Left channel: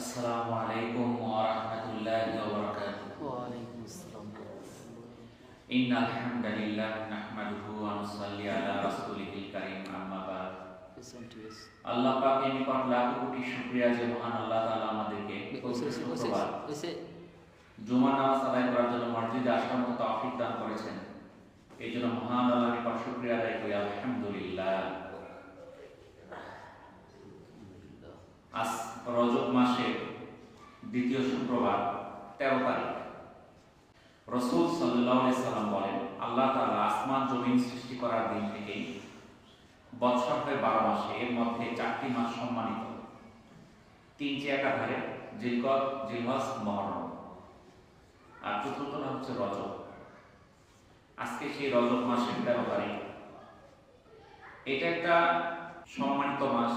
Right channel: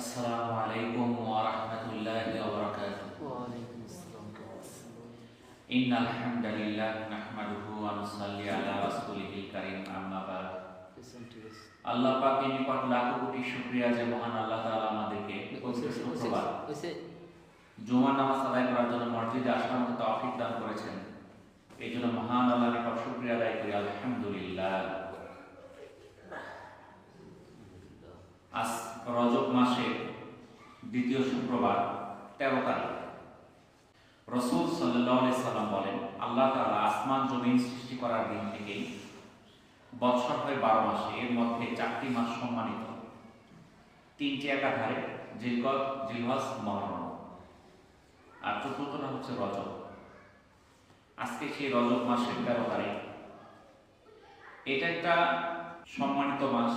আসসালামু আলাইকুম ওয়া রাহমাতুল্লাহি ওয়া বারাকাতুহু। ইন্নাল হামদালিল্লাহ নাহমাদুহু ওয়া নুসাল্লি আলা রাসূলিহিল কারীম, আম্মা বাদ। আল্লাহ পাকের নিকট লাখো কোটি শুকরিয়া যে মহান আল্লাহ তাআলা আমাদেরকে পবিত্র শুক্রবার জুমার নামাজ আদায় করার জন্য মসজিদে আসার মতো তৌফিক দান করেছেন। এই জন্য মহান আল্লাহর নিকট শুকরিয়া আদায় করি, আলহামদুলিল্লাহ। আজ রজব মাসের দ্বিতীয় শুক্রবার 13 তারিখ। রাসূল সাল্লাল্লাহু আলাইহি সাল্লাম বলেন, আল্লাহ তাআলা আসমান জমিন সৃষ্টি করার দিন থেকেই বছর হয় 12 মাসে, এর মধ্যে 4টি মাস সম্মানিত। 3টি একাধারে, জিলকদ, জিলহজ, মুহররম, আর চতুর্থটা হচ্ছে রজব। আজকে সেই রজব মাসের 13 তারিখ। এটা একটা সম্মানিত মাস।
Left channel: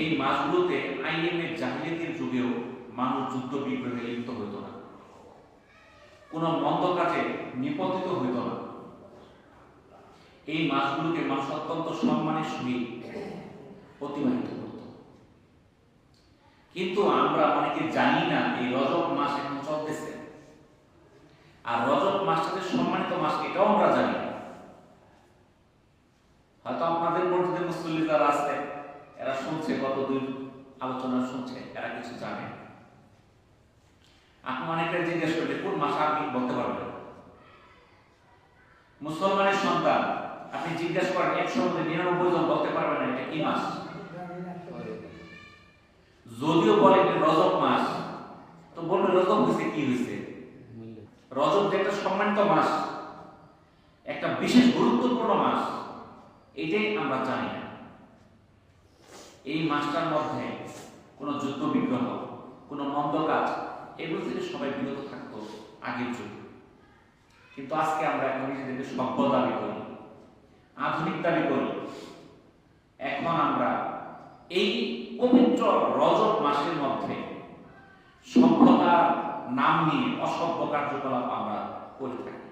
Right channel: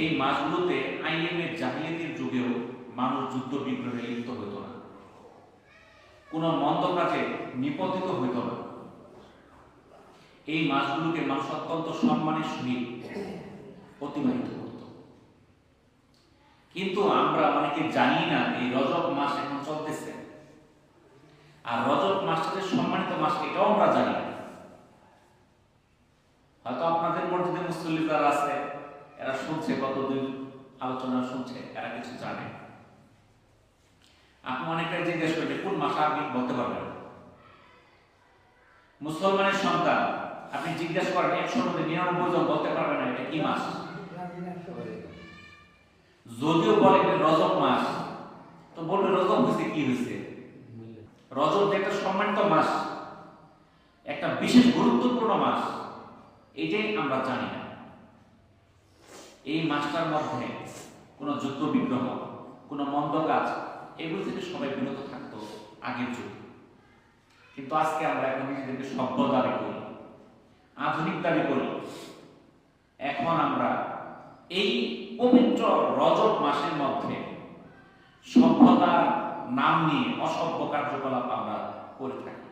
এই মাসগুলোতে আইএমের জাহিলিয়াতের যুগেও মানুষ যুদ্ধ বিগ্রহে লিপ্ত হইত না, কোনো মন্দ কাজে নিপতিত হইত না। এই মাসগুলোকে মানুষ অত্যন্ত সম্মানের সহিত অতিবাহিত করত। কিন্তু আমরা অনেকে জানি না এই রজব মাস এখন চলতেছে, আর রজব মাসটা যে সম্মানিত মাস এটাও আমরা জানি না। হয়তো আপনাদের মসজিদে মুসল্লি যারা আছে এরা শুনছে, গত 2 আলোচনা শুনছে, এরা কিছু জানে। আপনি অনেকটাই জিজ্ঞেস করলে কোন মাস আপনি বলতে পারবেন। মুসলমানের সন্তান আপনি জিজ্ঞেস করেন 100 মধ্যে 99 জন বলতে পারবেন না এটা কি মাস। যদিও বলে রজব মাস, তো বলবে রজব হয়েছে কি হয়েছে। রজব যে একটা সম্মানিত মাস, একটা বিশেষ গুরুত্বপূর্ণ মাস, এটাই আমরা জানি না। এই মাসটার মধ্যে কোনো যুদ্ধ বিগ্রহ, কোনো মন্দ কাজ, এগুলো থেকে সবাই বিরত থাকতো আগের যুগে। কিন্তু আজকে আমরা এখন নিজেদেরকে সভ্য দাবি করি, আধুনিক দাবি করি। এখন আমরা এই পবিত্র রজব মাসের মধ্যে সভ্যতার নাম নিয়ে অসভ্য কার্যকলাপ আমরা করে থাকি।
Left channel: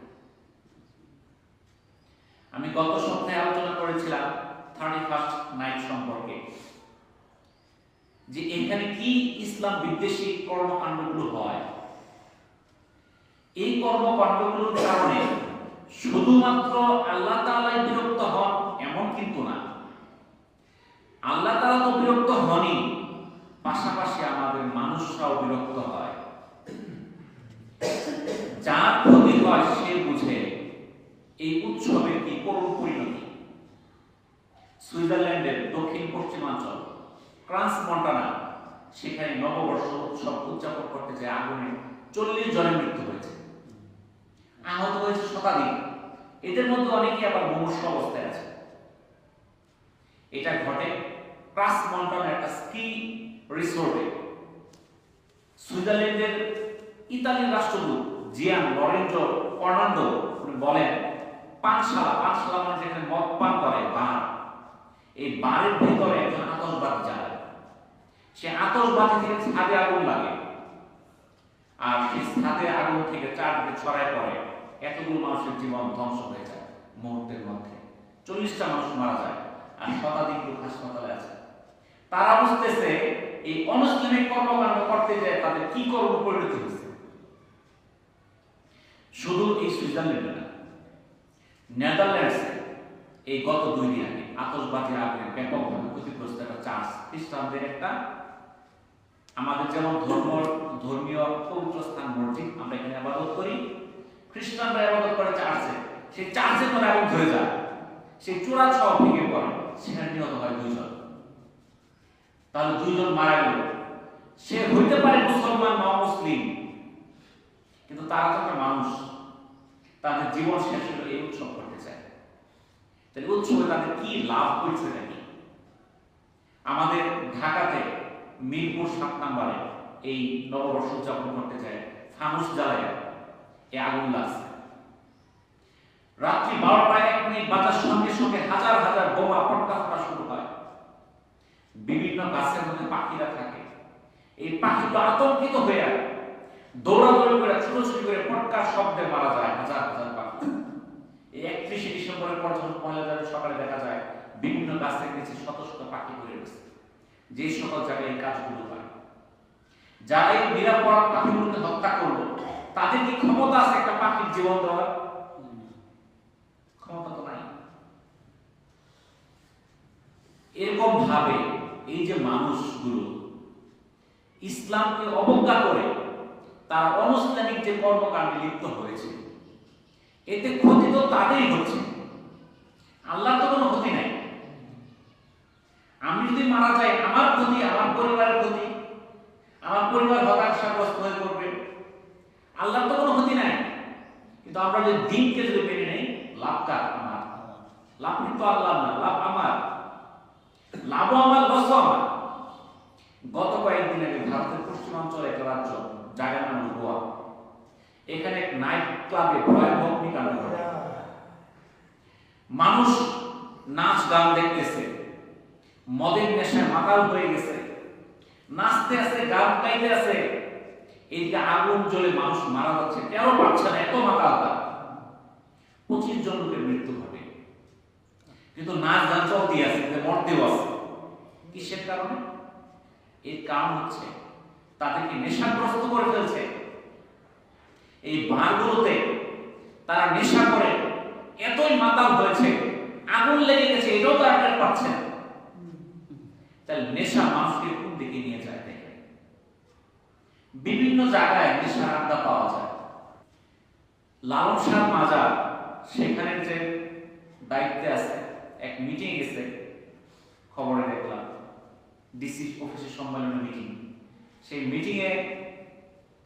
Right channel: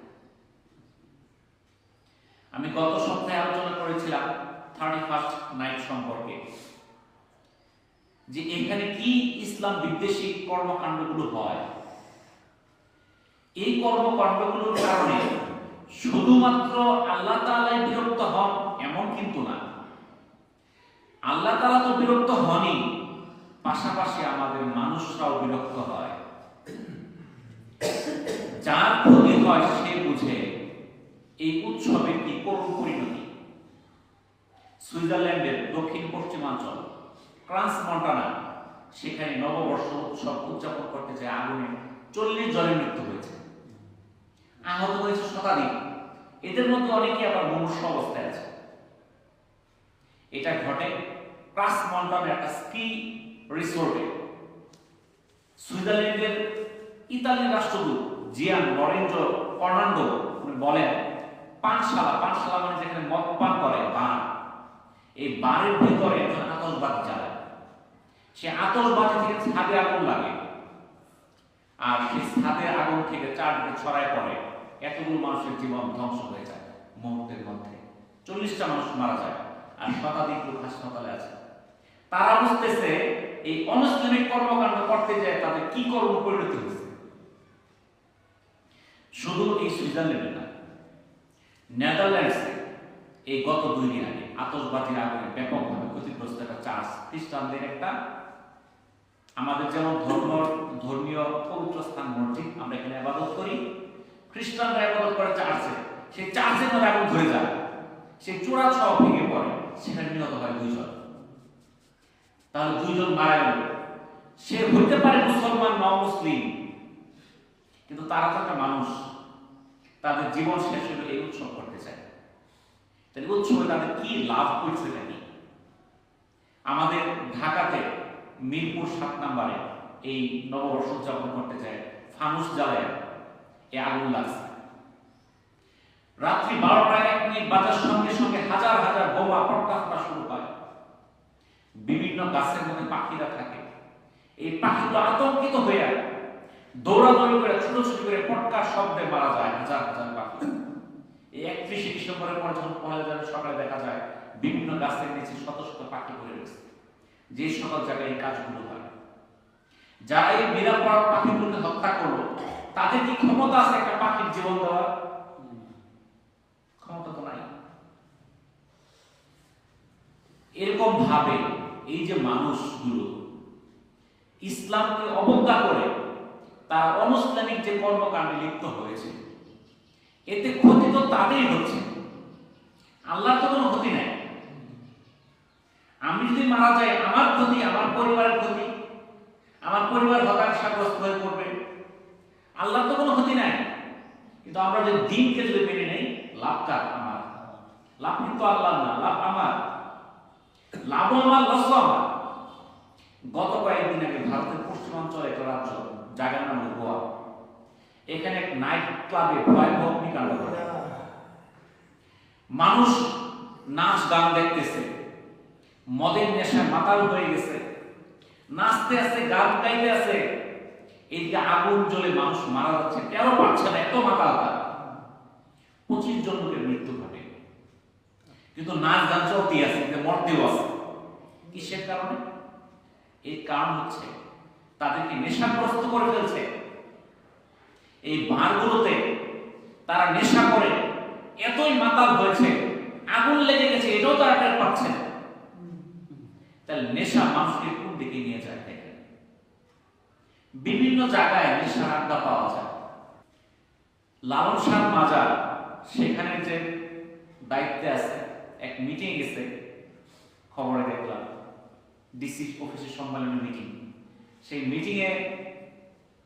আমি গত সপ্তাহে আলোচনা করেছিলাম 31st নাইট সম্পর্কে, যে এখানে কি ইসলাম বিদ্বেষী কর্মকাণ্ডগুলো হয়। এই কর্মকাণ্ডগুলোর কারণে শুধুমাত্র আল্লাহ তাআলাই বিরক্ত হন এমন কিন্তু না। আল্লাহ তাআলা তো বিরক্ত হনই, পাশাপাশি আমাদের মানুষরাও বিরক্ত হয়। যার ক্ষতি হয় সে বুঝে এই উৎসবের কি করুণ পরিণতি। সুইজারল্যান্ডের দক্ষিণ পশ্চিমাঞ্চল ক্রান্স মন্টানা, সেখানে নববর্ষ উৎসব উদযাপন করতে যায় আগুনে 40 জনের মৃত্যু হয়েছে, আহত হয়েছে শতাধিক। এদের মধ্যে অনেকে আবার মুমূর্ষ অবস্থায় আছে। এটা ঘটে ক্রাস মন্টানার একটা স্কি রিসোর্টে। সুইজারল্যান্ডের ইতালির রাষ্ট্রদূত জিয়ান লরেঞ্জো ফার্নান্দো বলেন, পানশালা মানে যেখানে মদ পান করে বার, এই বারের ভিতরে একজন আতশবাজি জ্বালায়। সে আতশবাজি থেকে ছাদে আগুন লাগে, আর সেই ছাদে আগুন থেকে চারদিকে ছড়ায় পড়ে। এতগুলো মানুষের জীবন ধ্বংস হয়ে যায় মুহূর্তের মধ্যে। 40টা মানুষ মারা যায়, আর শতাধিক লোক হাসপাতালে আছে। তারা বুঝতেছে এই অনৈসলামিক কর্মকাণ্ড করতে যায় তাদের কি করুণ পরিণতি হয়েছে। শুধু এই সুইজারল্যান্ডে না, নেদারল্যান্ডসে এই গত 2 দিন আগে আতশবাজির আগুনে ব্যাপকভাবে ক্ষতিগ্রস্ত একটা চার্চ, খ্রিস্টানদের একটা, আমাদের যেমন ধর্মীয় পবিত্র স্থান মসজিদ, আমরা এখানে ইবাদত করি, খ্রিস্টানরা ইবাদত করে চার্চে। সেই চার্চের মধ্যে আগুন ধরে যায়, সেই চূড়া ছাও ভেঙে পড়ে, সেখানে নিহত হয় 2 জন। তাহলে 2 জন মারা গেল। সে হইতে পারে মুসলমান বা মুসলিম, কিন্তু তারা তো একটা মানুষ, তাদের জীবন শেষ হলো এই উৎসব করতে চায়। তাহলে উৎসবে তাদের কি লাভ হয়েছে নাকি? আমাদের ঢাকাতে মিরপুর 7 নম্বরে এই নববর্ষ উদযাপন করতে চায়, ফানুস জ্বালায় এই আগুন লাগছে। রাত্রি 12টায় 1 মিনিট বাজার সঙ্গে সঙ্গে হাজার হাজার বোমা পটকা ফোটা শুরু হয়। বিভিন্ন গাছের মধ্যে পাখিরা থাকে, এই পাখিগুলো আতঙ্কিত হয়ে দৌড়াদৌড়ি করে ছুটোছুটি করে পটকার শব্দে মারা যায় হাজার হাজার পাখি। এই 31শে ডিসেম্বরের পর যখন 1 জানুয়ারি সকালে দেখা যায় বিভিন্ন গাছের নিচে শত শত পাখি পড়ে রয়েছে। যে সকল জায়গায় এই কাজগুলো হয়। যারা এই নিরাপরাধ পাখিগুলোকে হত্যা করলো, তাদের কি ক্ষমতা আছে একটা পাখির জীবন দেওয়ার? ক্ষমতা তো নাই। এরকম ভাবে এই যে মানুষগুলো ইসলামকে অবজ্ঞা করে তারা অনৈসলামিক যে কর্মকাণ্ডে লিপ্ত হয়েছে, এতে ক্ষতি তো তাদেরই হচ্ছে, আল্লাহর তো কোনো ক্ষতি নাই। আমি যদি মারা যাই, আমার ক্ষতি, আমার পরিবারের ক্ষতি, আমার পরিবার হতাশাগ্রস্ত হয়ে পড়বে, আল্লাহর তো কোনো ক্ষতি নাই। কিন্তু আমরা যদি দিনকে যদি মেনে নেই, লাভ কার? আমার। লাভ কিন্তু আল্লাহ না, লাভ আমার। লাভও আমার, লসও আমার। গত কয়েকদিন আগে ভারতের পশ্চিমাঞ্চলে একটা রাজ্য, জায়গার নাম গোয়া, এখানে এক নাইট ক্লাবে ভয়াবহ অগ্নিকাণ্ড ঘটে। মানুষ নাচ গান দেখতেছে, মদের নেশায় মাতাল হয়ে গেছে, নাচতে আছে, গান গাইতে আছে, এদিকে আগুন জ্বলে মানুষ মারা যাচ্ছে, টেরও পাচ্ছে না, এত মাতাল। 25 জন লোকের মৃত্যু ঘটে, কিন্তু নাচ গান চলতে আছে, মরতেও আছে। কিসের কারণে? এর কারণ হচ্ছে তাদেরকে নেশাগ্রস্ত করে ফেলছে। এই বারগুলোতে তারা নেশা করে এতই মাতাল হয়েছে, আগুন লেগে গেছে, এটাও তারা টের পাচ্ছে না। তাহলে নেশা মানুষকে কোন দিকে নিয়ে যায় দেখেন। বিভিন্ন জায়গায় নেশার আড্ডা পাওয়া যায়। লালন শাহ মাজার, সেখানে যে দায়িত্বে আছে, এক মিটিং গেছে, খবরে দেখলাম ডিসি অফিসের সম্মেলনের মিটিং। সেই মিটিংয়ে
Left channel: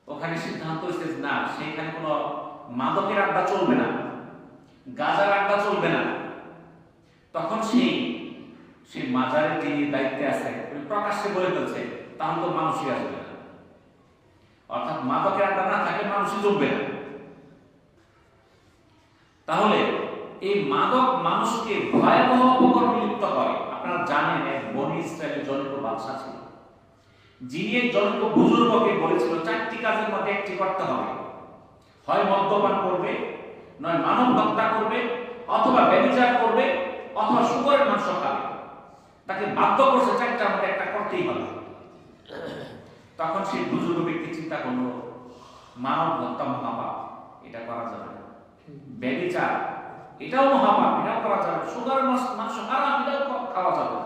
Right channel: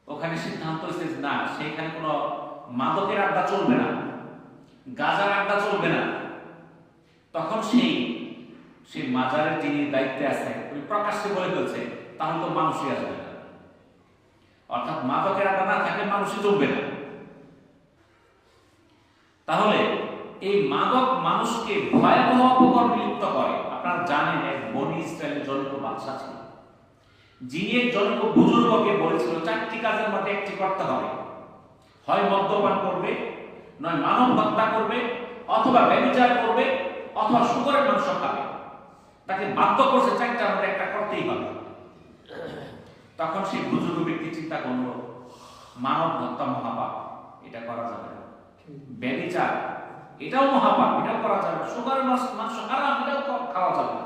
ওখানে সিদ্ধান্ত হয়েছে না, সেইখানে কোনো মাদকের আড্ডা চলবে না, গাঁজার আড্ডা চলবে না। তখন সেই মাজারের যিনি দায়িত্বে আছে উনি প্রকাশ্যে বলে ফেলছে, তাহলে তো মানুষই আসবে না। অর্থাৎ মাদকের আড্ডা না থাকলে মানুষই জমবে না। তাহলে এই মাদক মানুষকে ভয়াবহ অপকর্মে লিপ্ত করে। আপনারা জানেন, এক বনি ইসরায়েলের জনৈক বাদশা ছিল, যিনি এক জনৈক বুজুর্গকে বলেছিল 4টি কাজের মধ্যে একটি করতে হবে, হয় মদ্যপান করবে, নয় মানব হত্যা করবে, অথবা ব্যভিচার করবে, অথবা শুকরের মাংস খাবে। তাকে বাধ্য করছে 4টার মধ্যে একটা করতেই হবে। তখন সেই বুজুর্গ ব্যক্তি চিন্তা করলো, মানব হত্যা মহাপাপ, এটা করা যাবে না। ব্যভিচার, এটাও মহাপাপ, এটাও করা যাবে না। শুকরের মাংস হারাম, এটাও খাওয়া যাবে না।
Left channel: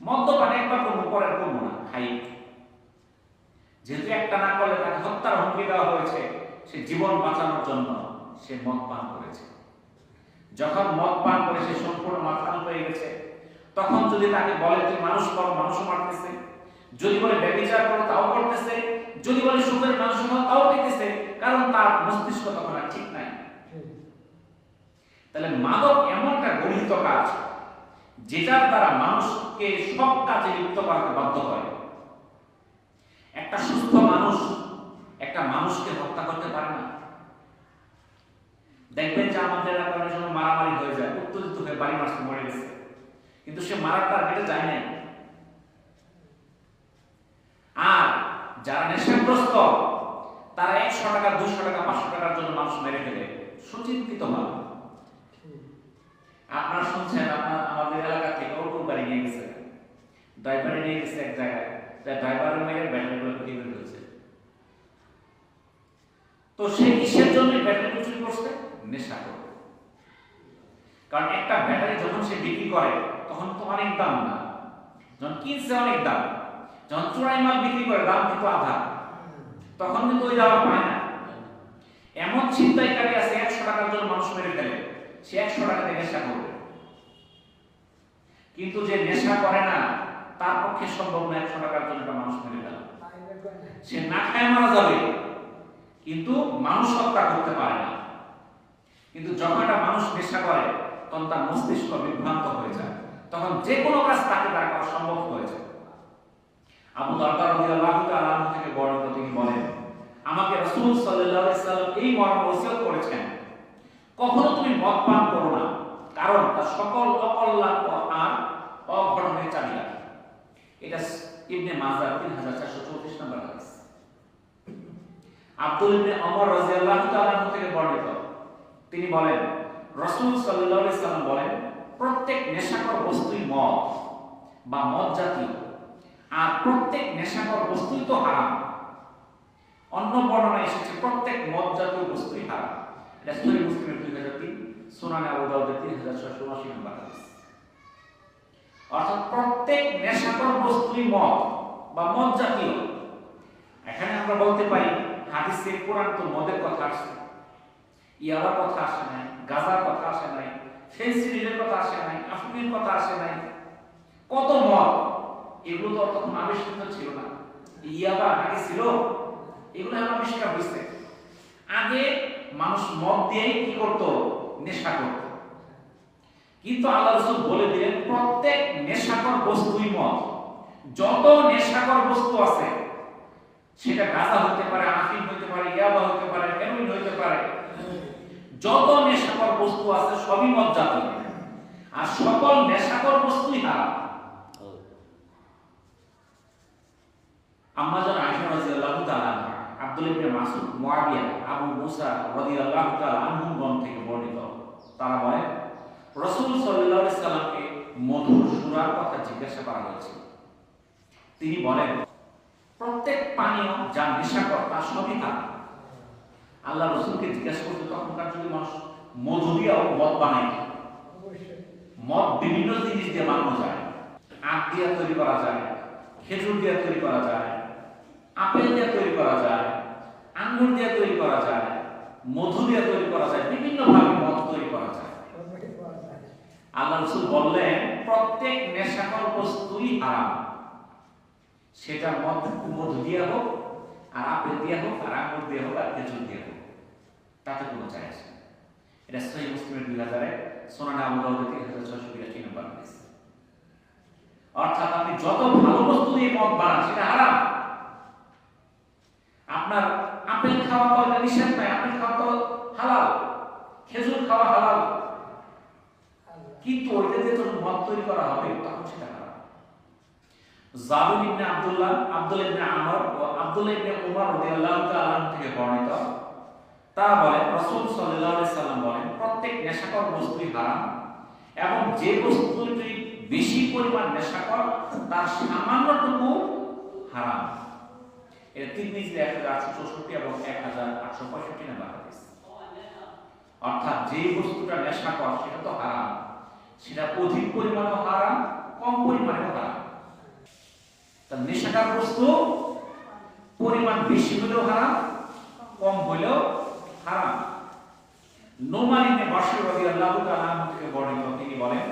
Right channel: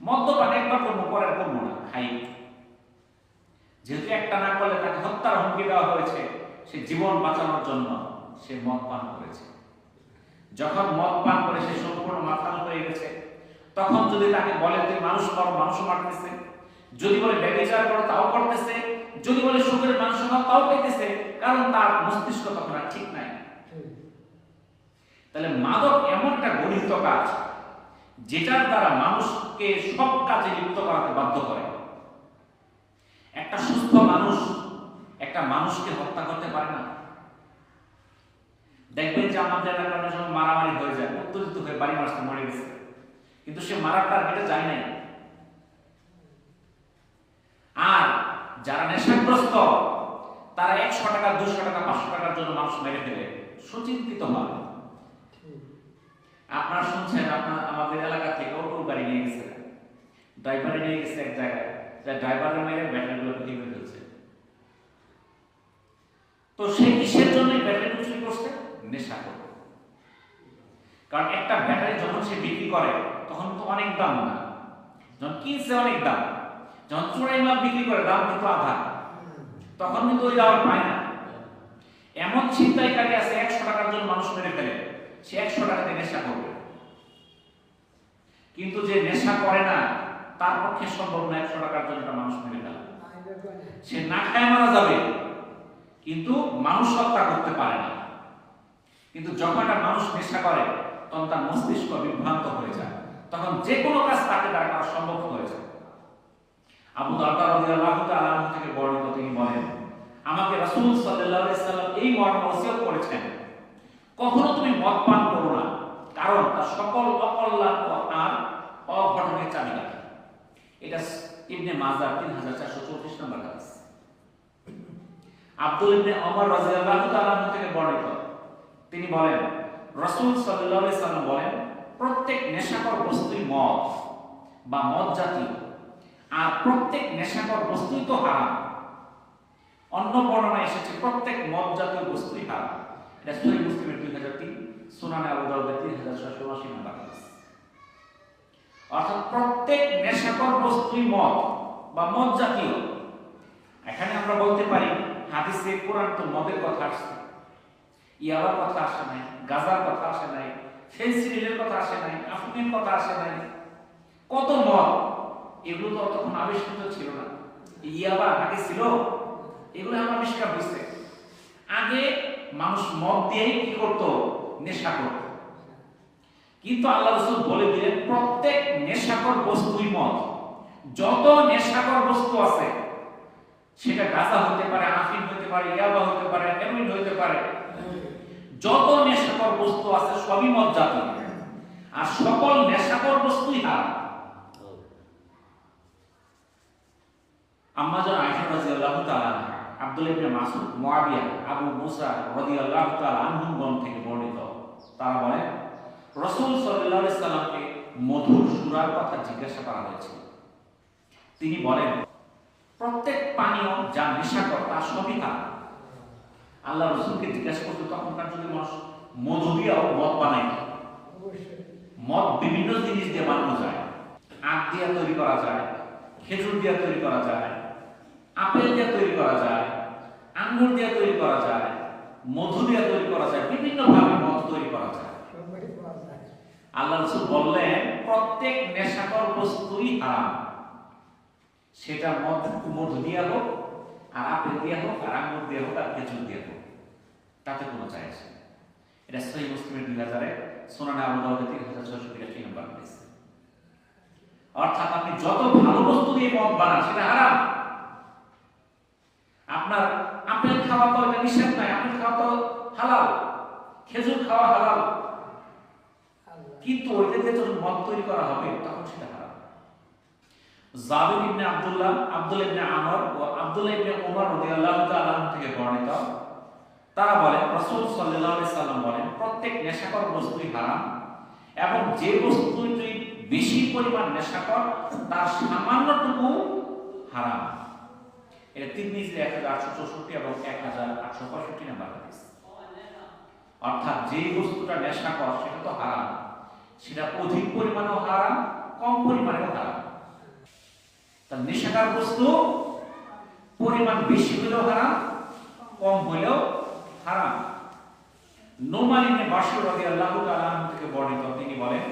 মদ্যপান একবার করবো, পরে করবো না, খাই। যেহেতু একটা না করলে তাকে হত্যার হুমকি দেওয়া হয়েছে, সে জীবন বাঁচানোর জন্য সে মদ পান করেছে। যখন মদ পান করে সে সম্পূর্ণ মাতাল হয়ে গেছে, তখন যদি তাকে বলে যে মানুষ করো, মানুষও মারতেছে, যদি বলে ব্যভিচার করো, তাও করতেছে, যদি বলে শুকরের মাংস খাও, তাও খাইতেছে, কারণ তার মস্তিষ্ক তখন আর ঠিক নাই। তাহলে মাদক এমন একটা গঠিত কাজ, যেটার দ্বারা মানুষকে সব কাজে লিপ্ত করাতে বাধ্য করে। একটা সুস্থ মানুষ একটা মানুষকে হত্যা করতে পারে না। দেখবেন যে আমাদের এলাকার অনেক সময় মারামারি হয়ে যায়, উত্তেজিত হয়ে বাড়ি মারতে মরে গেছে, কিন্তু সে মারার টার্গেটে যায় নাই। আর যারা নেশাগ্রস্ত, তারা 100 টাকা, 200 টাকা, 500 টাকার জন্য মানুষ মেরে ফেলে সুচিন্তিত ভাবে। আপনারা শুনছেন, আমাদের এলাকা থেকে অটো গাড়ি নিয়ে গেছে, ড্রাইভারে নিয়ে গেছে এক জায়গায়, ড্রাইভারের মেরে ব্যাটারিগুলো চুরি করে ফেলছে। তো সে কিসের জন্য ব্যাটারিগুলো চুরি করছে? নেশা করে। কারণ একটা ব্যাটারি যখন সে বিক্রি করে তখন তো অনেক দাম না, যখন কিনছে অনেক দাম, যখন চোরাই মাল বিক্রি করে দাম কিন্তু আধা, তখন কিন্তু ওই দাম পায় না। এমন ছিনতাইকারী আছে 100 টাকার জন্য মানুষ মেরে ফেলে, সে 100 টাকাতে নেশা করবে। কিন্তু যে নেশা করে না, তার পক্ষে সম্ভব না 100 টাকার জন্য একটা মানুষ মেরে ফেলা। সে না খায় মারা যাবে, কিন্তু মানুষ হত্যা করতে পারে না। কিন্তু যখন একটা মানুষ নেশা করে, তখন তার মস্তিষ্ক বিভ্রান্ত হয়ে যায়, তখন যে কোনো কাজ তাকে দ্বারা করা সম্ভব হয়ে যায়। আবু দারদা রাদিয়াল্লাহু তাআলা আনহু থেকে বর্ণিত, তিনি বলেন, আমাকে রাসূল সাল্লাল্লাহু আলাইহি সাল্লাম এই মর্মে ওসিয়ত করেছেন, কখনো তুমি মদ পান করো না, কারণ তার সকল অকল্যাণ আর অঘটনের চাবিকাঠি। এটা ইবনে মাজাহ 3434 নম্বর হাদিস। আব্দুল ইবনে ওমর রাদিয়াল্লাহু তাআলা আনহু থেকে বর্ণিত, তিনি বলেন, রাসূল সাল্লাল্লাহু আলাইহি সাল্লাম বলেন, প্রত্যেক নেশাকর বস্তুই মদ বা মদ জাতীয় আর প্রত্যেক নেশাকর বস্তুই তো হারাম। অন্য বর্ণনায় এসেছে প্রত্যেক মদ জাতীয় বস্তুই হারাম। এটা সহিহ মুসলিমের 2003, সুনানে আবু দাউদের 3679 নম্বর হাদিস। অর্থাৎ প্রত্যেক নেশাকর বস্তুই মদ বা মদ জাতীয়। এখানে আমরা বলতে পারি হাদিসে কোরআন তো মদের কথা আসছে, ইয়াবার কথা আসে নাই, গাঁজার কথা আসে নাই, ফেন্সিডিলের কথা আসে নাই, আফিমের কথা আসে নাই। কত মদ, এগুলো তো তখন আবিষ্কৃত ছিল না। ইয়াবা আগে ছিল, এগুলো এখন আবিষ্কার হয়েছে। আগে মানুষ মদ দিয়েই কি করতো? নেশা করত। কিন্তু আল্লাহ রাসূল বলে দিলেন প্রত্যেক নেশাকর বস্তুই মদ। যত নেশাকর বস্তু আছে, সেটা গাঁজা হতে পারে, আফিম হতে পারে, ইয়াবা হতে পারে, হেরোইন হতে পারে, যত নেশাকর বস্তু আছে সবই মদ জাতীয়। আর সকল নেশাকর বস্তুই হারাম। আম্মা জান আয়েশা রাদিয়াল্লাহু তাআলা আনহা, আব্দুল্লাহ ইবনে মাসউদ, মুআবিয়া, আবু মুসা রাদিয়াল্লাহু তাআলা আনহুগণ থেকে বর্ণিত, তারা বলেন রাসূল সাল্লাল্লাহু আলাইহি সাল্লামকে মধুর সুরার কথা জিজ্ঞাসা করা হয়েছিল। তিনি বলেন প্রত্যেক পানীয় যা নেশাকর তা সবই হারাম। আল্লাহ রাসূলকে জিজ্ঞাসা করতে তখনকার যুগে মানুষ মধু দিয়েও মদ বানায়। মদ বিভিন্ন জিনিস দিয়ে বানানো যায়। আখ দিয়ে তৈরি করা যায়, খেজুর দিয়ে তৈরি করা যায়, আপেল দিয়ে তৈরি করা যায়, আঙ্গুর দিয়ে তৈরি করা যায়, মধু দিয়ে তৈরি করা যায়, বিভিন্ন ভাবে মদ তৈরি করা যায়। আল্লাহ রাসূল বললেন প্রত্যেক নেশাকর বস্তুই হারাম। সেটা মধু দিয়ে হোক, আর আপেল দিয়ে হোক, আর আঙ্গুর দিয়ে হোক, আর খেজুর দিয়ে হোক, তাতে কোনো যায় আসে না। এটা সহিহ মুসলিমের 2000-এ, সুনানে আবু দাউদের 3682 নম্বর হাদিস। অর্থাৎ আপনি যত ভালো বস্তু দিয়ে মদ বানান সেটা হারাম। আপনার আপেল খাওয়া তো এটা নিষেধ নয়, আপেল খাওয়া তো হালাল, খেজুর খাওয়া হালাল, কিন্তু ওইটা দিয়ে যখন মদ তৈরি করা হবে তখন সেটা হারাম। জাবির ইবনে আব্দুল্লাহ, আব্দুল্লাহ ইবনে আমর ও আব্দুল্লাহ ইবনে উমর রাদিয়াল্লাহু তাআলা আনহু থেকে বর্ণিত, তারা বলেন রাসূল সাল্লাল্লাহু আলাইহি সাল্লাম বলেন প্রত্যেক নেশাকর বস্তুই হারাম, এবং যে বস্তুটি বেশি পরিমাণ নেশাকর তার সামান্যটুকু হারাম। এটা তিরমিজির 1864 এবং 1865 নম্বর হাদিস। অর্থাৎ যে বস্তুটা নেশাকর সেটা তো হারাম, সেটা অধিক পরিমাণেও হারাম, কম পরিমাণেও হারাম। তার নেশাকর বস্তু পরিমাণ বেশি হলেও হারাম, কম হলেও হারাম। নোমান ইবনে বাশির রাদিয়াল্লাহু তাআলা আনহু থেকে বর্ণিত, তিনি বলেন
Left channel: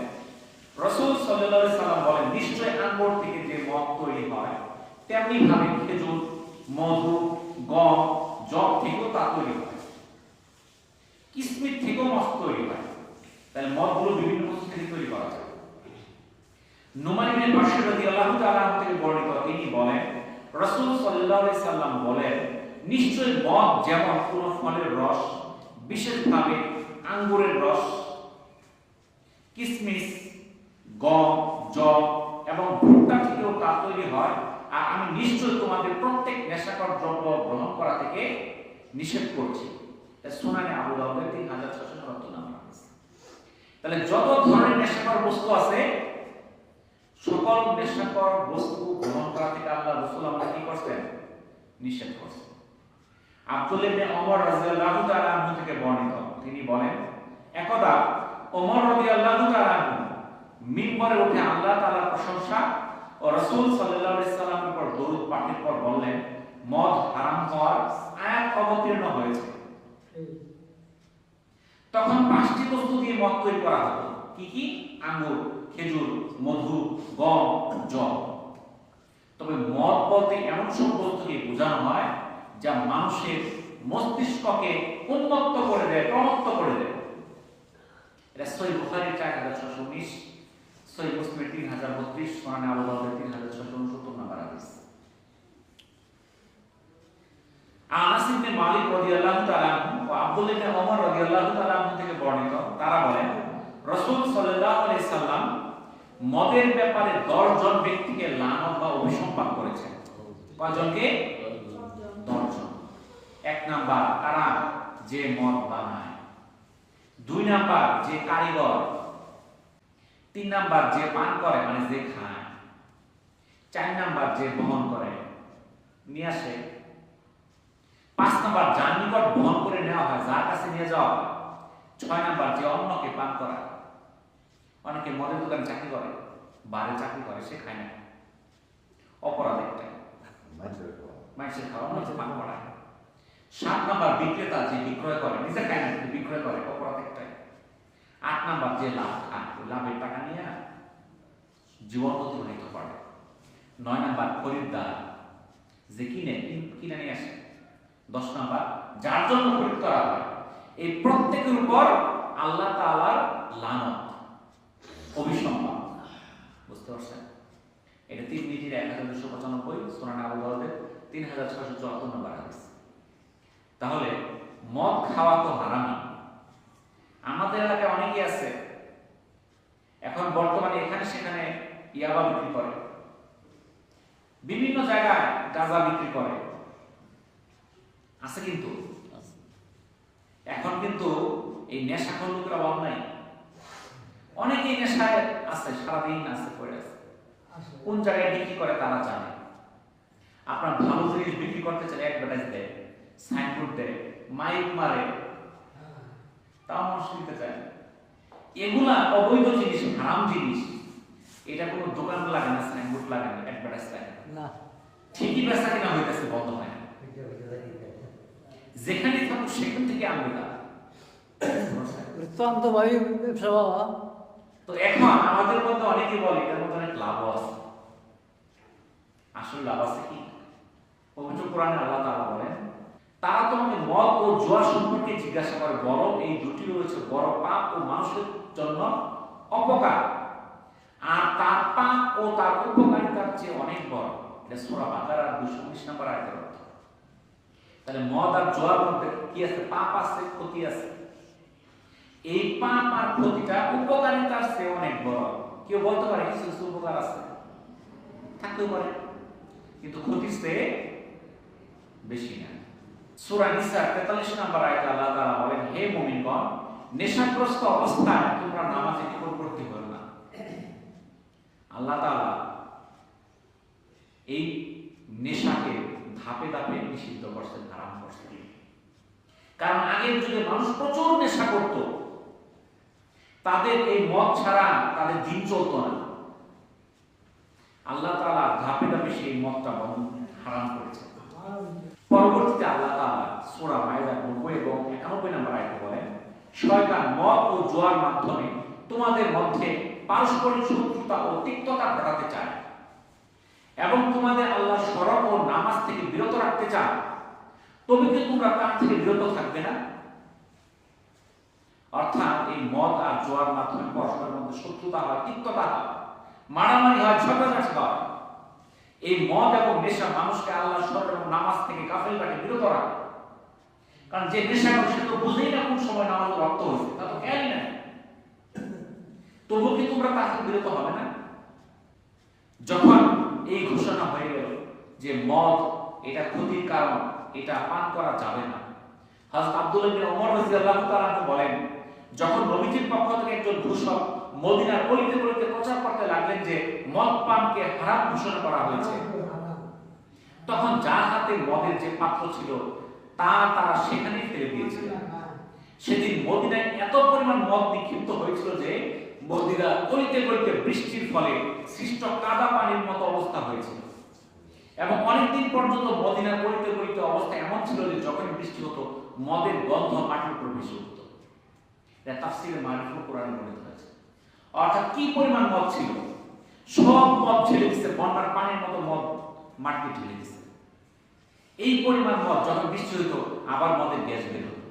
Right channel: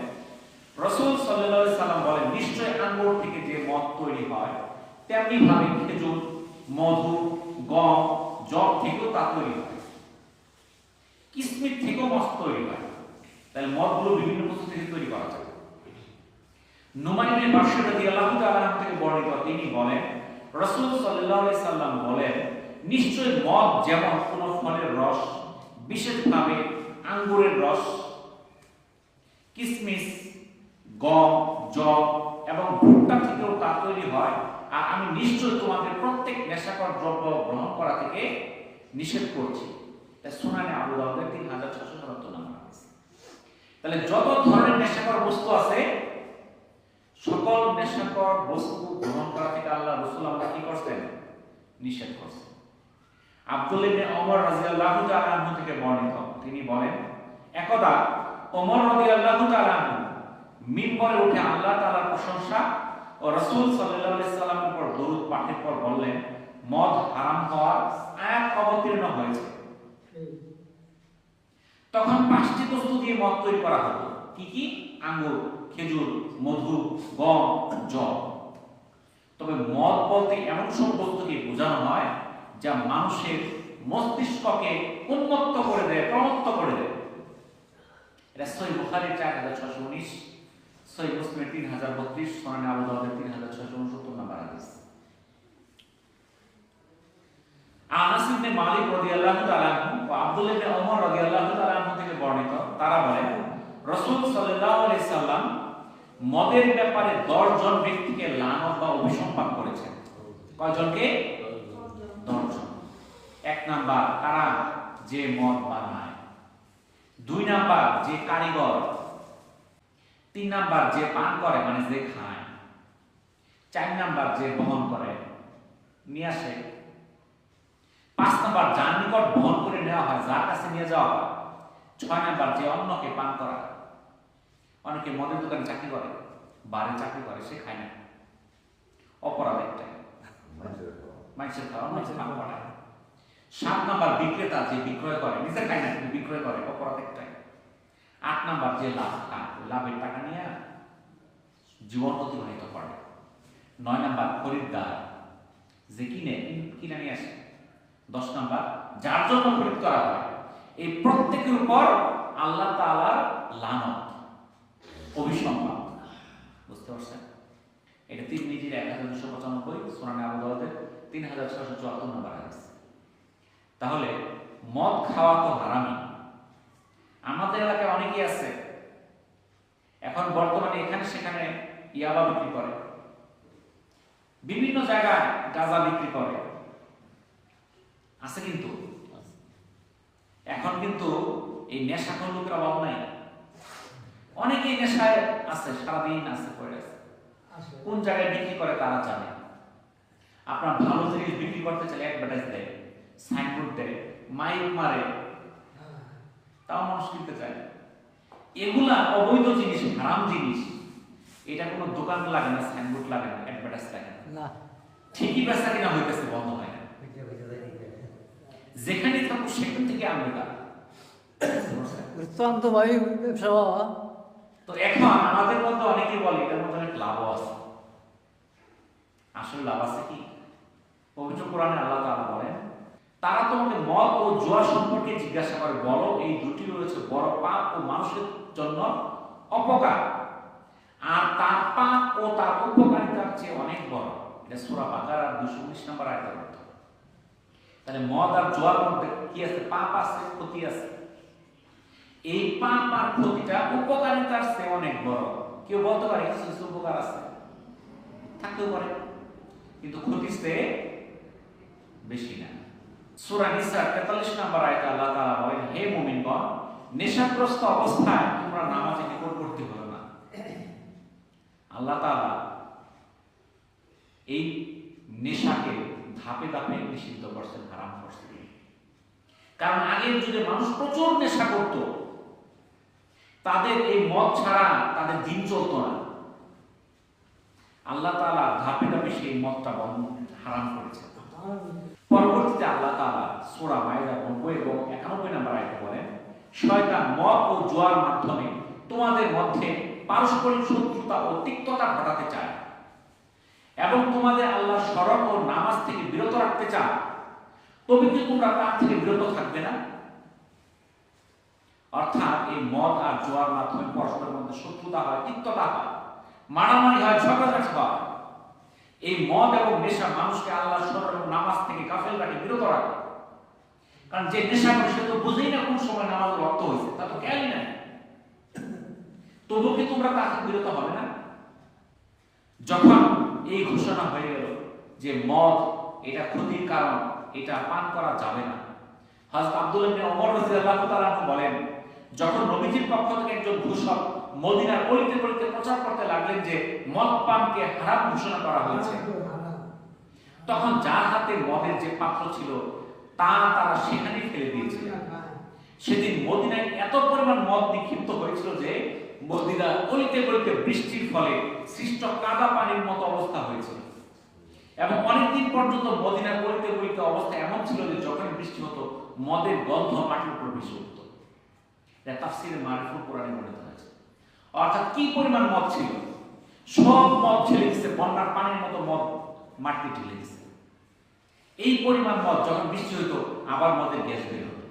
রাসূল সাল্লাল্লাহু আলাইহি সাল্লাম বলেন নিশ্চয় আঙ্গুর থেকে যে মদ তৈরি হয় তেমনি ভাবে খেজুর, মধু, গম, যব থেকেও তা তৈরি হয়, কিসমিস থেকেও মদ তৈরি হয়। তাহলে মদগুলো বিভিন্ন বস্তু থেকে তৈরি করা যায়। নোমান ইবনে বাশির রাদিয়াল্লাহু তাআলা আনহু থেকে বর্ণিত, তিনি বলেন রাসূল সাল্লাল্লাহু আলাইহি সাল্লাম বলেন নিশ্চয় মদ যেমন কোন ফলের রস, বিশেষভাবে আঙ্গুরের রস, কিসমিস, গম, যব এবং ভুট্টা থেকেও তা তৈরি হয়, আর আমি নিশ্চয় তোমাদের প্রত্যেক নেশাকর দ্রব্য গ্রহণ করা থেকে নিষেধ করছি। সুনানে আবু দাউদের 3677 নম্বর হাদিস। তাহলে যত ধরনের নেশাকর বস্তু আছে সকল নেশাকর বস্তু গ্রহণ করা থেকে আল্লাহ রাসূল আমাদের কি করছেন? নিষেধ করছেন। আব্দুল্লাহ ইবনে ওমর রাদিয়াল্লাহু তাআলা আনহু থেকে বর্ণিত, তিনি বলেন একদা ওমর রাদিয়াল্লাহু তাআলা আনহু মিম্বরে উঠে আল্লাহ তাআলার প্রশংসা ও রাসূল সাল্লাল্লাহু আলাইহি সাল্লামের উপর দরুদ পাঠের পর বললেন মদ হারাম হওয়ার আয়াত অবতীর্ণ হয়েছে। তখন 5টি বস্তু দিয়ে মদ তৈরি করা হতো। কি কি? আঙ্গুর, খেজুর, মধু, গম, যব। তবে মদ বলতে এমন সব বস্তুকে বোঝানো হয় যা মানুষের মস্তিষ্ককে উন্মত্ত করে দেয়, প্রমত্ত করে দেয়। এটা সহিহ বুখারীর 4619, সহিহ মুসলিমের 3032, সুনানে আবু দাউদের 3669 নম্বর হাদিস। আনাস ইবনে মালিক রাদিয়াল্লাহু তাআলা আনহু ও আব্দুল্লাহ ইবনে ওমর রাদিয়াল্লাহু তাআলা আনহু থেকে বর্ণিত, তারা বলেন রাসূল সাল্লাল্লাহু আলাইহি সাল্লাম মদের ব্যাপারে 10 জন ব্যক্তিকে লানত বা অভিসম্পাত করেছেন। কয়জনকে? 10 জন। 1 নাম্বার কারা? যে মদ বানায়। 2 নাম্বার যে কারিগর। 3 নাম্বার যে পান করে মানে যে খায়। 4 নাম্বার যে বহন করে নিয়ে আসে, 5 নাম্বার যার নিকট বহন করে নেওয়া হয়, যার কাছে নিয়ে যাওয়া হয়, 6 নাম্বার যে অন্যকে পান করা। অনেকে মদের দোকানে চাকরি করে, বারে চাকরি করে, সে খায় না, অপরাধ একটাই, মানুষের খাওয়া অন্যকে পান করায়। 7 নাম্বার বিক্রেতা যে বিক্রয় করে, নিজে খায় না কিন্তু বিক্রয় করে, অপরাধ একটাই। 8 নাম্বার যে লাভ খায়, লাভের টাকা নিয়ে জীবন অতিবাহিত করে। 9 নাম্বার খরিদ্দার যে কিনে নিয়ে আসে। 10 নাম্বার যার জন্য খরিদ করা হয়। এই প্রত্যেকের উপর আল্লাহ তাআলার লানত, অভিসম্পাদ। বুঝতে পারছেন? এটা তিরমিজির 1295, সুনান আবু দাউদের 3674 নম্বর হাদিস। তাহলে মদ খাওয়া তো হারামি। আমাদের এলাকায় অনেকেই আছে এখন বর্তমানে এখানে সেখানে ইয়াবা বিক্রি করে, বিভিন্ন জায়গায় গাঁজা বিক্রি করে, আছে কিন্তু এখন কিন্তু এই নেশাখোর লোকের অভাব নাই। অনেকেই নেশায় আছে, সারাদিন আছে, পড়ে আছে। কোন জায়গায় বিক্রি করে তারা জানে। আপনার ভালো জিনিস বিক্রি করতে চাইলে অ্যাডভার্টাইজ দেয়, সাইনবোর্ড দেয়, মাইক মারে, তাও মানুষ কিনতে চায়। এগুলা অবৈধ জিনিস, হারাম জিনিস। এটা কোনো দোকান লাগে না, সাইনবোর্ড লাগে না, অ্যাডভার্টাইজ লাগে না, ঠিকই বেচা কিনা হইতেছে, বন্ধ হয় না। যেখানে থাকুক সেখান থেকে আনবে তারা। তো এখন আমাদের মধ্যে অনেকেই বলে এটার মধ্যে অনেক লাভ আছে। আসলে লাভ আছে কি? পবিত্র কোরআনে আল্লাহ তাআলা বলেন, তারা তোমাকে মদ ও জুয়া সম্পর্কে জিজ্ঞাসা করে, বলো এই দুটি রয়েছে বড় পাপ ও মানুষের জন্য অপকার, আর তার পাপ ও তার উপকারিতার চেয়ে অনেক বড়। এটা সূরা বাকারার 219 নম্বর আয়াতের অর্থ। তাহলে মদ আর জুয়ার মধ্যে কি আছে? পাপ আছে, ক্ষতি আছে। এই পাপ আর ক্ষতিটা উপকারিতার চেয়ে অনেক বড়। কেউ বলতে পারে কিছু কিছু উপকার আছে, থাকতেও পারে, কিন্তু ক্ষতির চেয়ে বেশি না। সূরা নিসার 43 নম্বর আয়াতে আল্লাহ তাআলা বলেন, হে মুমিনগণ, নেশাগ্রস্ত অবস্থায় তোমরা নামাজে নিকটবর্তী হও না। আল্লাহ তাআলা এই নেশাকে ধাপে ধাপে নিষিদ্ধ করছেন, হারাম করছেন। কারণ আগের যুগে মানুষ প্রচুর নেশা করত, তাদের এই মদ ছাড়া তাদের দিন চলতো না। আল্লাহ তাআলা ধাপে ধাপে সেই মদটা হারাম করেছেন। পরবর্তীতে আল্লাহ তাআলা সূরা মাইদার 90 এবং 91 নম্বর আয়াতে বলেন, শয়তান মদ ও জুয়ার মাধ্যমে তোমাদের মধ্যে পারস্পরিক শত্রুতা ও তিক্ততা ঘটাতে চায় এবং তোমাদের আল্লাহর স্মরণ ও নামাজ থেকে বিরত রাখতে চায়। তবে কি তোমরা তার থেকে বিরত থাকবে না? অর্থাৎ এই মদ আর জুয়ার মাধ্যমে পরস্পরের মধ্যে শত্রুতা হয়, তিক্ততা হয়, মারামারি হয়, ঝগড়াঝাটি হয়। এই মদ এবং নেশা মানুষকে আল্লাহর স্মরণ এবং নামাজ থেকে গাফেল রাখে, বিরত রাখে। কারণ যে নেশা করে সে তো বুঝেই না কোন সময় নামাজের রক্ত হয়েছে, তা তো খেয়ালই নাই। তবু কি তোমরা তা থেকে বিরত হবে না? যখন এই ঘোষণা হয়ে গেল যে মদ এটা ক্ষতির কারণ, এটা পান করা যাবে না, হযরত আব্দুল্লাহ ইবনে ওমর রাদিয়াল্লাহু তাআলা বলেন, যখন নবীজির পক্ষ থেকে একজন ঘোষক মদিনার অলিতে গলিতে প্রচার করতে লাগলেন যে মদ পানকে হারাম ঘোষণা করা হয়েছে, তখন যার হাতে মদের যে পাত্র ছিল তারা সেখানেই ফেলে দিয়েছিলেন। সেদিন মদিনায় এত পরিমাণ মদ নিক্ষিপ্ত হয়েছিল যে মদিনা অলিতে গলিতে বৃষ্টির ফলে সৃষ্ট কাদা পানির মতো অবস্থা হয়েছিল। এবং অনেকদিন পর্যন্ত মদিনার অলিতে গলিতে অবস্থা এমন ছিল যে যখনই বৃষ্টি হতো মদের গন্ধ মাটির উপর ভেসে উঠত। এটা তাফসীরে মারিফুল কোরআনে বর্ণিত হয়েছে। অর্থাৎ কি পরিমাণ মদ ছিল, সব মদ ঢেলে দিচ্ছে, বন্যার পানির মতো মদ মাটিতে ঢেলে দিচ্ছে। এই পরিমাণ মদ যখন বৃষ্টি হইতো আবার মদের গ্যাস বের হতো।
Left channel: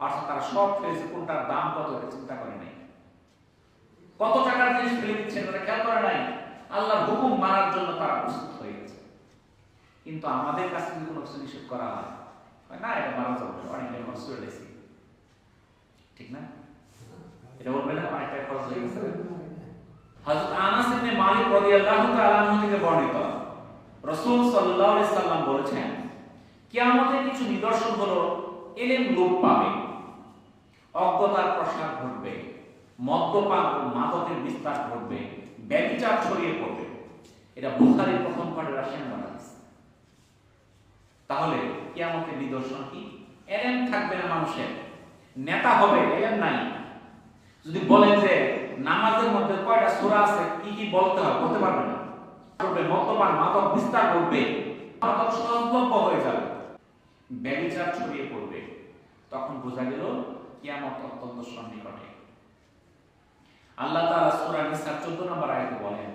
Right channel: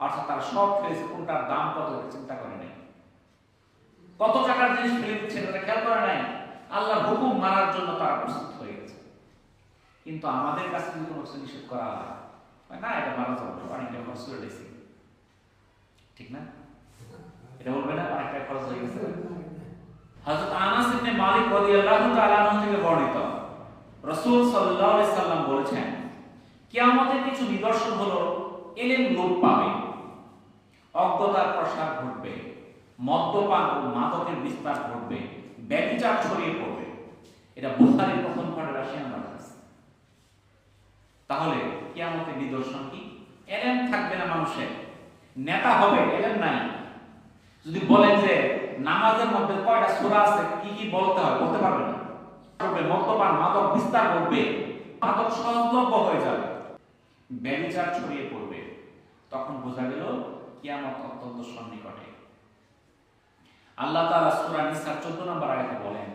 অর্থাৎ তারা সব ফেলেছে, কোনটার দাম কত এটা চিন্তা করে নাই, কত টাকার জিনিস ফেলে দিচ্ছেন তারা খেয়াল করে নাই। আল্লাহর হুকুম মানার জন্য তারা প্রস্তুত হয়ে গেছে। কিন্তু আমাদের কাছে যদি কোনো কিছু নিষেধ করা হয়, না এটা মারা যাবে, অনেকটা খরচ করে গেছে, ঠিক না? এটা বলবে না অনেকটা খরচ হয়ে গেছে। হযরত আনাস ইবনে মালিক রাদিয়াল্লাহু তাআলা আনহু থেকে বর্ণিত, রাসূল সাল্লাল্লাহু আলাইহি সাল্লাম বলেছেন, কিয়ামতের কিছু নিদর্শন হলো ইলম লোপ পাবে, অজ্ঞতার প্রসার ঘটবে, মদ্যপান ও মাদকের বিস্তার ঘটবে, ব্যভিচার ছড়িয়ে পড়বে। এটা বুখারীর প্রথম খণ্ডের ৮০ নম্বর হাদিস। তাহলে কিয়ামতের নিদর্শন কি? এলেম থাকবে না মানুষের, নেতা হবে, এলেম নাই। যদি বলেন যে নামাজের মধ্যে কয়টা সূরা আছে, কি কি বলতে হয়, বলতে পারবে না। করবে মদ্যপান, মাদক বিস্তার করবে, মাদক সহজলভ্য হয়ে যাবে, ব্যভিচার ছড়িয়ে পড়বে, তখন বোঝা গেল কিয়ামত অত্যন্ত সন্নিকটে। আল্লাহ তাআলা সূরা নিসার 14 নম্বর আয়াতে বলেন,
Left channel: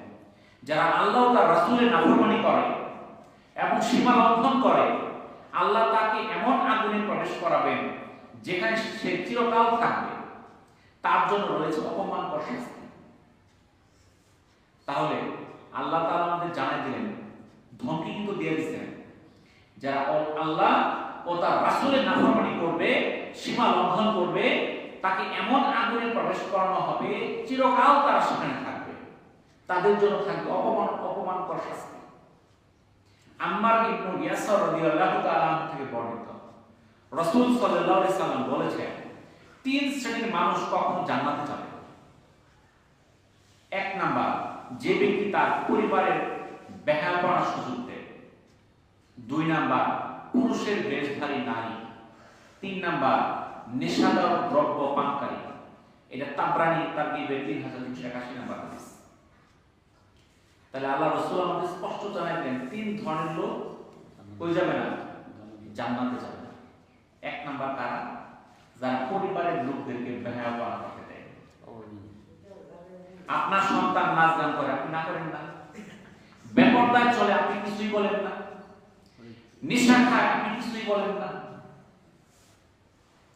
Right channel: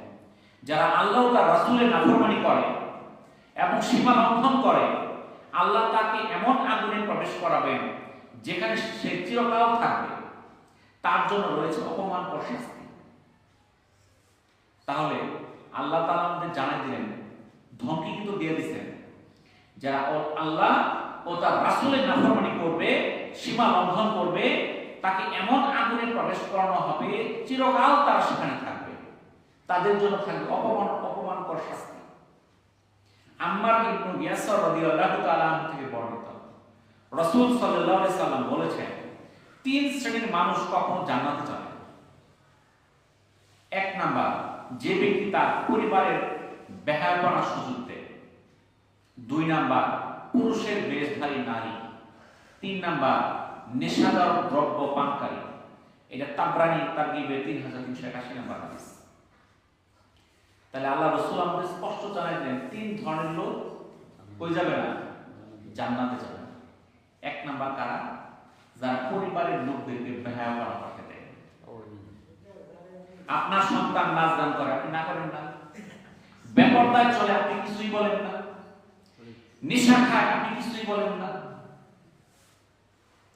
যারা আল্লাহ ও তার রাসূলের নাফরমানি করে এবং সীমা লঙ্ঘন করে, আল্লাহ তাকে এমন আগুনে প্রবেশ করাবেন যেখানে সে চিরকাল থাকবে, তার জন্য রয়েছে অপমানকর শাস্তি। তাহলে আল্লাহ তাআলা আমাদের জানাই দিলেন, ধমকি কিন্তু দিয়ে দিচ্ছেন, যারা আল্লাহ ও তার রাসূলের নাফরমানি করবে, সীমা লঙ্ঘন করবে, তাকে এমন আগুনে প্রবেশ করানো হবে চিরকাল তারা সেখানে থাকবে, তাদের জন্য থাকবে অপমানকর শাস্তি। আম্মার ইবনে ইয়াসির রাদিয়াল্লাহু তাআলা আনহু থেকে বর্ণিত, রাসূল সাল্লাল্লাহু আলাইহি সাল্লাম বলেছেন, 3 শ্রেণীর মানুষ কখনো জান্নাতে যাবে না। 1 নাম্বার, যে ব্যক্তি তার পরিবারের বেহায়াপনার সুযোগ দেয়। 2 নাম্বার, পুরুষের বেশধারী নারী। 3 নাম্বার, নেশাদার দ্রব্য পানকারী। এটা তাবরানী তারগিবের 3381 নম্বর হাদিস। তাহলে আল্লাহ রাসূল আমাদের স্পষ্ট জানাই দিলেন, 3 ধরনের লোক কই যাবে না? জান্নাতে যাবে না। 1 নাম্বার কারা? যারা পরিবারের লোকদেরকে বেহায়াপনা করতে দেয়। আপনার সন্তান নাচ গান করে, আপনি না করেন না। বেপরদায় চলে, আপনি কিছুই বলেন না। নেশা খায়, আপনি কিছুই বলেন না।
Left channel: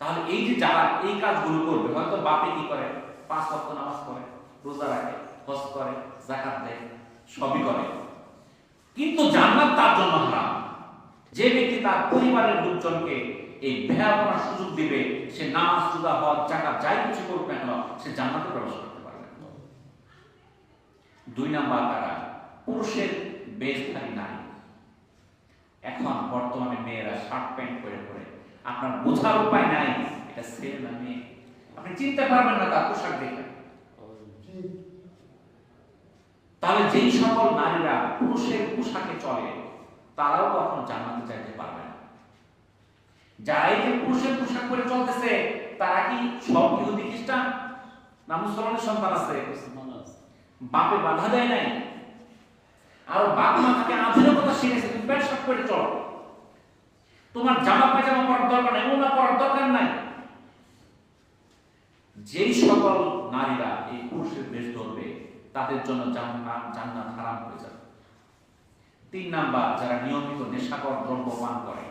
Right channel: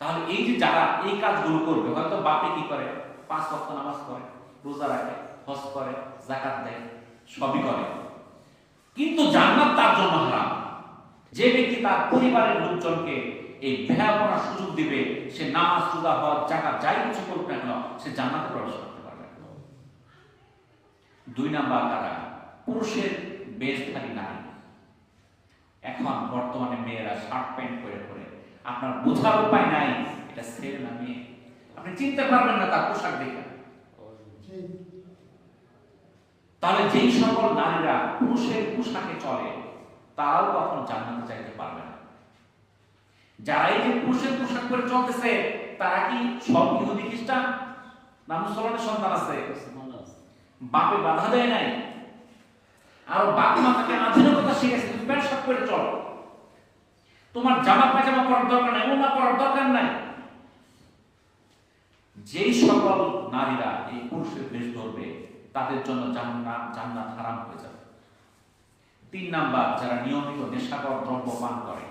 তাহলে এই যে যারা এই কাজগুলো করবে, হয়তো বাপে কি করে, 5 ওয়াক্ত নামাজ পড়ে, রোজা রাখে, হজ করে, যাকাত দেয়, সবই করে, কিন্তু জান্নাত তার জন্য হারাম। যে ব্যক্তি তার পরিবারের লোকজনকে এই বেহায়াপনার সুযোগ দিবে, সে নামাজ, রোজা, হজ, যাকাত যাই কিছু করুক না কেন, সে জান্নাতে প্রবেশ করতে পারবে না। 2 নাম্বার কারা? পুরুষের বেশধারী নারী। এখন বর্তমানে মেয়েরা শার্ট প্যান্ট পরে পরে, আপনার বোঝার উপায় নাই এটা ছেলে না মেয়ে, আপনি চিনতে পারবেন না তার পোশাক দেখে। তাহলে যেই সকল নারীরা পুরুষের পোশাকে চলে, তারাও কখনো জান্নাতে যাইতে পারবে না। যারা এই যে পুরুষের পোশাক পরে চলতেছে, তারা কি সব ইহুদি খ্রিস্টান? না মুসলমানের সন্তান আছে? বাপে বাধা দেয় নাই, আর বাপ মা তাকে আধুনিকতা শিখেছে, তুমি প্যান্ট শার্ট পরে চল, তোমার জামা পায়জামা পরার দরকার নাই, ওনা পরার দরকার নাই। যেই সকল নারীরা এই পুরুষের বেশ ধরবে, তাদের জন্য জান্নাত হারাম হয়ে যাবে। 3 নাম্বার, যারা নিয়মিত নেশাকর দ্রব্য পান করে,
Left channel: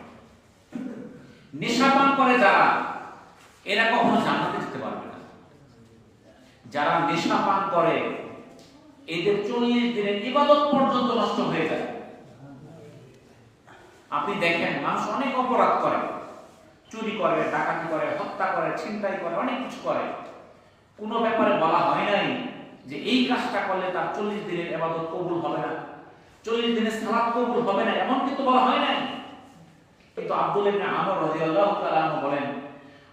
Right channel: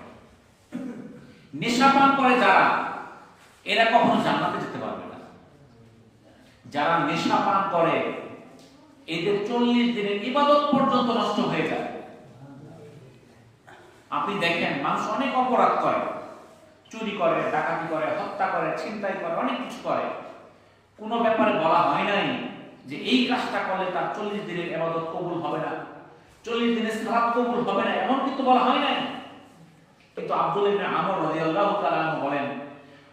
নেশা পান করে যারা, এরা কখনো জান্নাতে যেতে পারবে না। যারা নেশা পান করে, এদের 40 দিনের ইবাদত পর্যন্ত নষ্ট হয়ে যায়। আপনি দেখেন, মানুষ অনেক অপরাধ করে, চুরি করে, ডাকাতি করে, হত্যা করে, ছিনতাই করে, অনেক কিছু করে, কোনো ব্যাপারে বলা হয় নাই যে এই কাজটা করলে তার 40 দিনের ইবাদত কবুল হবে না, 40 দিনের সালাত কবুল হবে না, এমন কিন্তু বলা হয় নাই। কিন্তু আব্দুল্লাহ ইবনে আমর রাদিয়াল্লাহু তাআলা আনহু বলেন,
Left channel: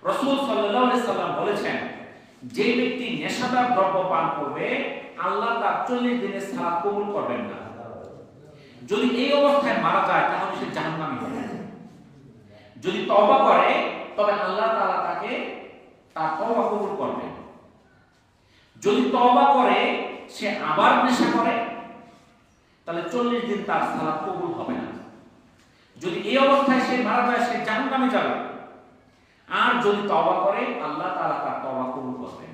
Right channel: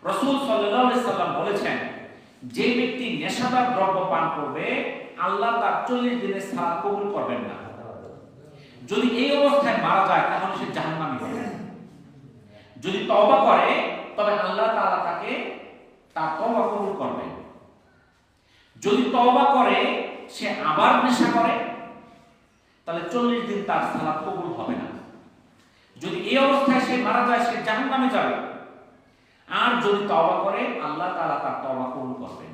রাসূল সাল্লাল্লাহু আলাইহি সাল্লাম বলেছেন, যে ব্যক্তি নেশাদার দ্রব্য পান করবে, আল্লাহ তার 40 দিনের সালাত কবুল করবেন না। যদি এই অবস্থায় মারা যায়, তাহলে সে জাহান্নামী হবে। যদি তওবা করে, তবে আল্লাহ তাআলা তাকে তার তওবা কবুল করবেন। যদি তওবা করে সে আবার নেশা করে, তাহলে 40 দিন তার সালাত কবুল হবে না। যদি এই অবস্থায় সে মারা যায়, সে জাহান্নামে যাবে। আর যদি তওবা করে, আল্লাহ তাআলা তার তওবা কবুল করবেন।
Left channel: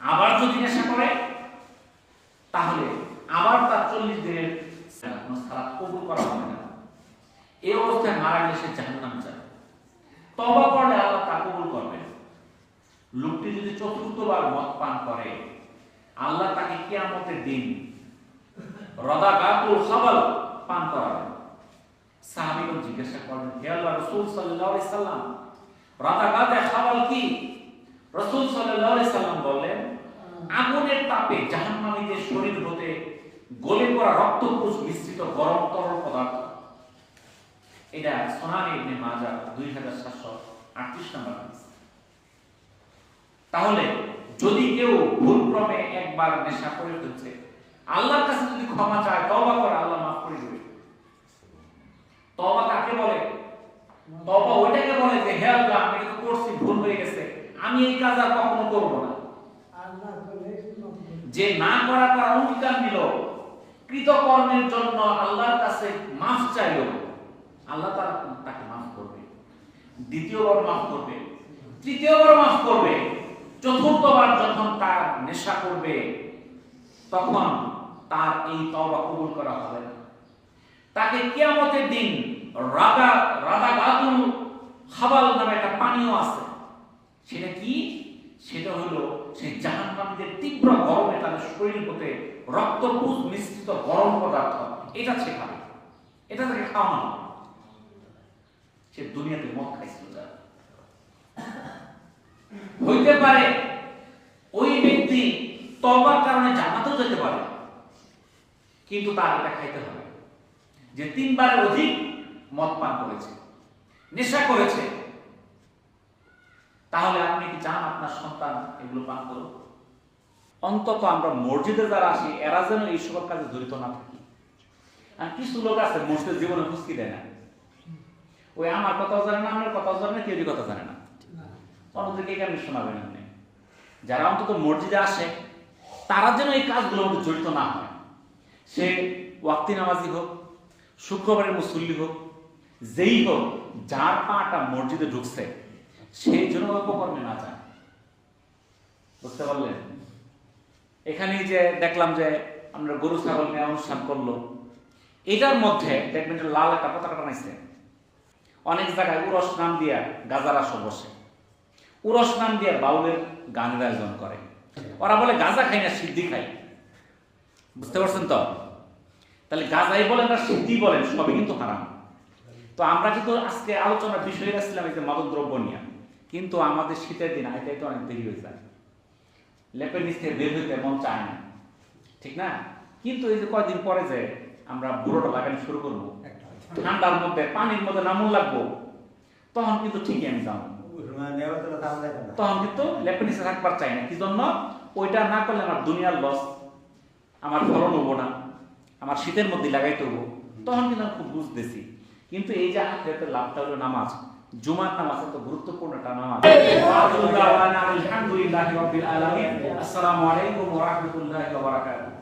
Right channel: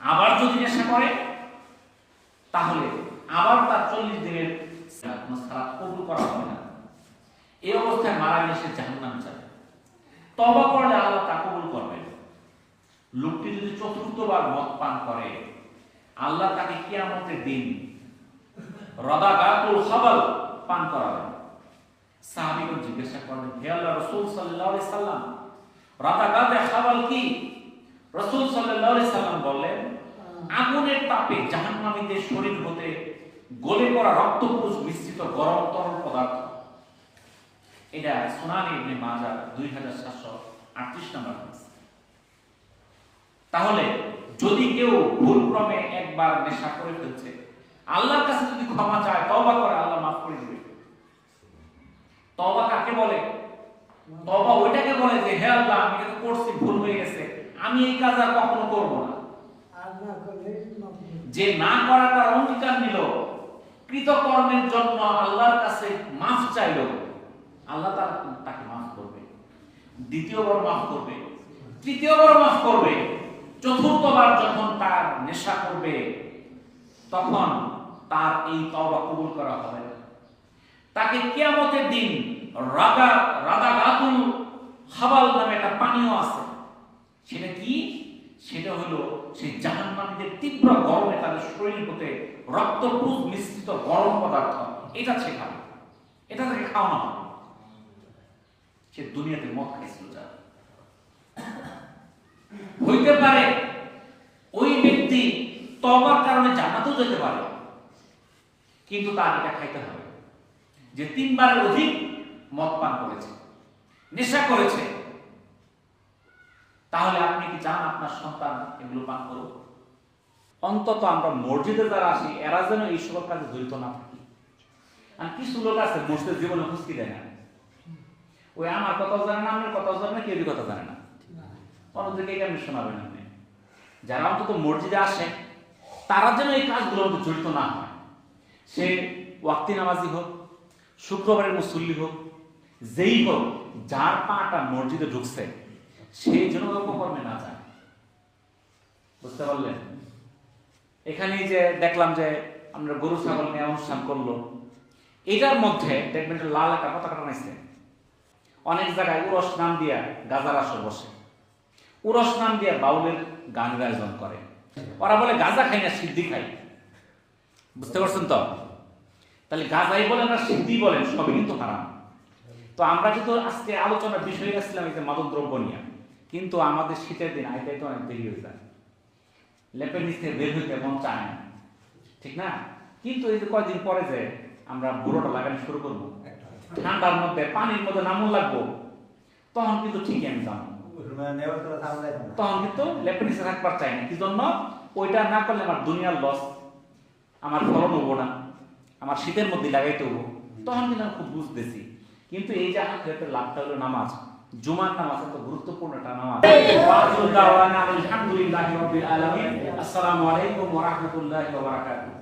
আবার যদি নেশা করে, তাহলে আবার তার 40 দিনের সালাত কবুল করা হবে না। এই অবস্থায় মারা গেলে সে জাহান্নামে যাবে। তওবা করলে আল্লাহ তা কবুল করবেন। লোকটি যদি 4বার মদ পান করে, আল্লাহ তাকে কিয়ামতের দিন রাদাগাতুল খাবাল পান করাবেন। সাহাবীগণ জিজ্ঞাসা করলেন, হে আল্লাহর রাসূল সাল্লাল্লাহু আলাইহি সাল্লাম, রাদাগাতে খাবাল কি? রাসূল সাল্লাল্লাহু আলাইহি সাল্লাম বললেন, আগুনের তাপে জাহান্নামীদের শরীর হতে গলে পড়া রক্তপুঞ্জ মিশ্রিত গরম তরল পদার্থ। এটা সুনান ইবনে মাজাহ 2738 নম্বর হাদিস। তাহলে যদি কেউ ভুলক্রমে একবার নেশা করে ফেলছে, আল্লাহর কাছে যদি ক্ষমা চায়, তওবা করে, আল্লাহ মাফ করে দেবে। তওবা কাকে বলে? তওবা ওইটাকে বলে যে হে আল্লাহ, আমি এটা করছি, ভুল হয়ে গেছে, আমি এই কাজ আর কখনো করব না। যে না করার অঙ্গীকার নিল, কৃতকর্মের জন্য আল্লাহর কাছে মাফ চাইল, আল্লাহ তাকে মাফ করবে, দ্বিতীয়বার মাফ করবে, তৃতীয়বার মাফ করবে, চতুর্থবার যখন তার নেশা করবে তখন তার এই তওবা কবুল করা হবে না। তাকে কিয়ামতের দিন রাদাগাতুল হাবাল নামে একটা পানীয় আছে। সেটা কি? সেটা হলো সেই জাহান্নামীদের তীব্র গরমে তাদের শরীর হতে রক্তপুঞ্জ মিশ্রিত গরম পদার্থ, এটা সে খাবে, এটা তাকে খাওয়ানো হবে। সে দুনিয়াতে মদ খাইছিল যা। হইতে পারে ওই ব্যক্তি তওবার কারণে জান্নাতেও যেতে পারে, কিন্তু তার এটা খাইতে হবে যে 3 বারের অধিক মদ পান করেছে, নেশা করেছে। তাহলে আপনি কি চান আপনার সন্তান এগুলো পান করুক? অন্তত আমরা মসজিদে যারা আসি, এরা যেন এই সকল কাজে জড়িত না থাকি। আর কিছু লোক আছে মসজিদের জীবনে ফুসকি দেয় না, ওই আমার কথাও জানে না, আপনার কথাও জানে না, কেউ কথা জানে না, অন্যদিকে কেমনি শোনাবেন আপনি? যারা অন্তত মসজিদে আসে তারা যেন এই কাজগুলোর মধ্যে জড়িত না হয়। সে ওয়াক্তি নামাজি হোক, শুক্রবারের মুসল্লি হোক, যেই হোক, যার পাটা মসজিদে ঢুকছে সেই জন্য অপকর্মে না যায়। বুঝতে পারলেন? এখানে যে দেখলাম যে আমরা গরু ছাগল নিয়ে অনুষ্ঠান করলো, এটার মধ্যে দেখবেন যে লাল একটা পতাকা টানাইছে। অনেক জায়গায় উরস নাম দিয়া গাজার আসর বসে, উরস নাম দিয়া বাউলের গানের আয়োজন করে। ওরা বলে গাজা খাই না, সিদ্ধি খাই। বুঝতে পারছেন তো? তাহলে গাজাই বলেন আর সিদ্ধি বলেন, সবই কিন্তু হারাম। তো আমরা কিন্তু আজকে আলোচনার বিষয় আসছিলাম এই যে মাদক দ্রব্য নিয়ে, কিন্তু আমাদের শীতের দিন আইতে অনেক দেরি হয়ে যায়, লেপের নিচ থেকে বের হইতে মন চায় না, ঠিক না? কিন্তু এই যে কয়দিন পরে যে আমরা বুড়োটা লাগানো শুরু করবো, ঠান্ডার মধ্যে পানির মধ্যে নামুন লাগবো, তখন কিন্তু ঠিকই আমি যাবো, তখন কিন্তু লেপের নিচে থাকবার চাই না। কি জন্য? ওইটা না করলে আমার দুনিয়ার লস, আমার ফলন হবো না, আমার শীতের মধ্যে লাগাইতে হবো, তখন কিন্তু আমি খুব বুঝতেছি। কিন্তু এই যে আখিরাতের লাভটা হলো নামাজ, জুমার নামাজ এত গুরুত্বপূর্ণ একটা নামাজ। আলহামদুলিল্লাহি রাব্বিল আলামিন। আসসালামু আলাইকুম ওয়া রাহমাতুল্লাহি ওয়া বারাকাতুহু।